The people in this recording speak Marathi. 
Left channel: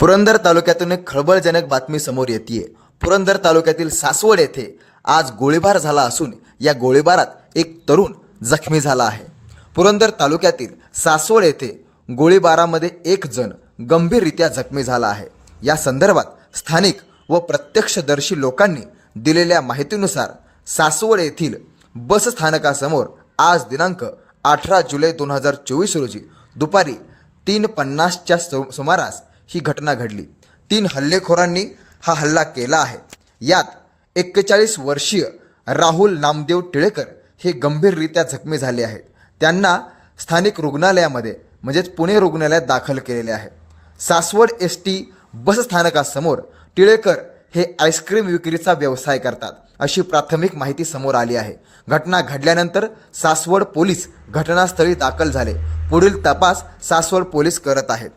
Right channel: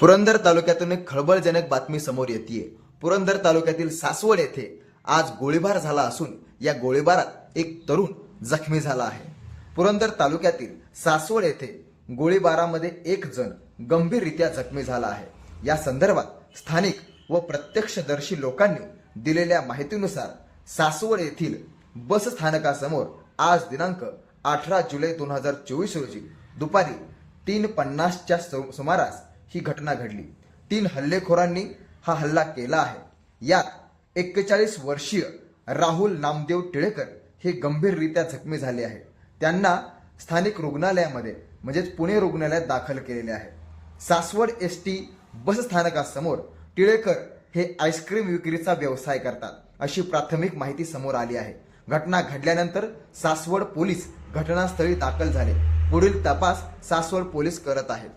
पुरंदर तालुक्यातून एक खळबळजनक बातमी समोर येते पुरंदर तालुक्यातील सासवड येथे आज गोळीबार झाला असून या गोळीबारात एक तरुण जखमी झाला आहे. पुरंदर तालुक्यातील सासवड येथे गोळीबारामध्ये एक जण गंभीररित्या जखमी झाला आहे. या संदर्भात स्थानिक व प्रत्यक्षदर्शी लोकांनी दिलेल्या माहितीनुसार सासवड येथील बस स्थानकासमोर आज दिनांक अठरा जुलै दोन हजार चोवीस रोजी दुपारी तीन पन्नासच्या सु- सुमारास ही घटना घडली. तीन हल्लेखोरांनी हा हल्ला केला आहे. यात एक्केचाळीस वर्षीय राहुल नामदेव टिळेकर हे गंभीररित्या जखमी झाले आहेत. त्यांना स्थानिक रुग्णालयामध्ये म्हणजेच पुणे रुग्णालयात दाखल केलेले आहे. सासवड एस टी बसस्थानकासमोर टिळेकर हे आईस्क्रीम विक्रीचा व्यवसाय करतात अशी प्राथमिक माहिती समोर आली आहे. घटना घडल्यानंतर सासवड पोलीस घटनास्थळी दाखल झाले. पुढील तपास सासवड पोलीस करत आहेत.